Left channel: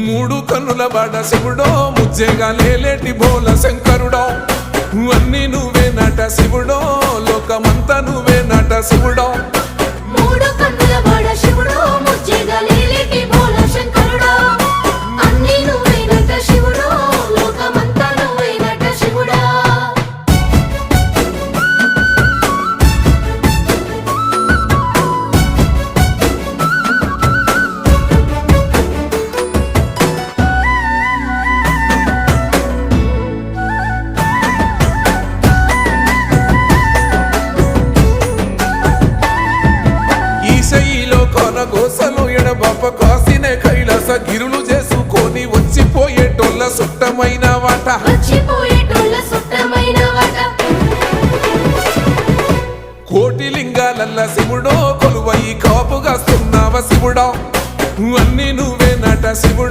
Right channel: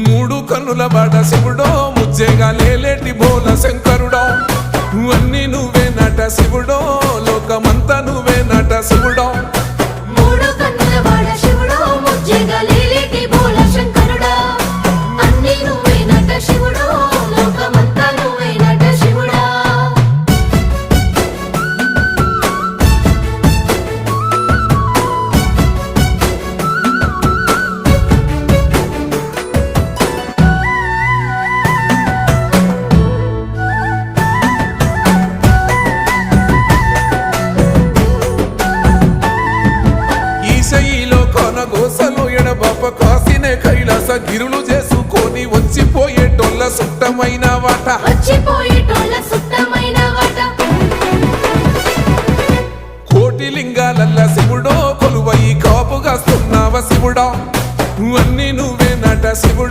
మూడు కన్నుల బాట శివుడో ముజ్జేగా లేలేటి బోల శంకరుడో అన్నీ నువ్వే నట శివుడో లోకమంతా నువ్వే నట శివుడో మూడు కన్నుల వాడ శివుడో ముజ్జేగా లేలేటి బోల శంకరుడో అన్నీ నువ్వే నట శివుడో లోకమంతా నువ్వే నట శివుడో ఈశయిలో కొనగోసలు ఎడబాప కాసినే కైలాస గిరులు చేసుకొని వచ్చిపోయేటోళ్ళ సుట్టమైన వాట వచ్చిపోయేటోళ్ళ సుట్టమైన వాట కోటి లింగాలల్ల శివుడో కొలువయి కాపుగాస్తున్నావ శివుడో అన్నీ నువ్వే నట శివుడు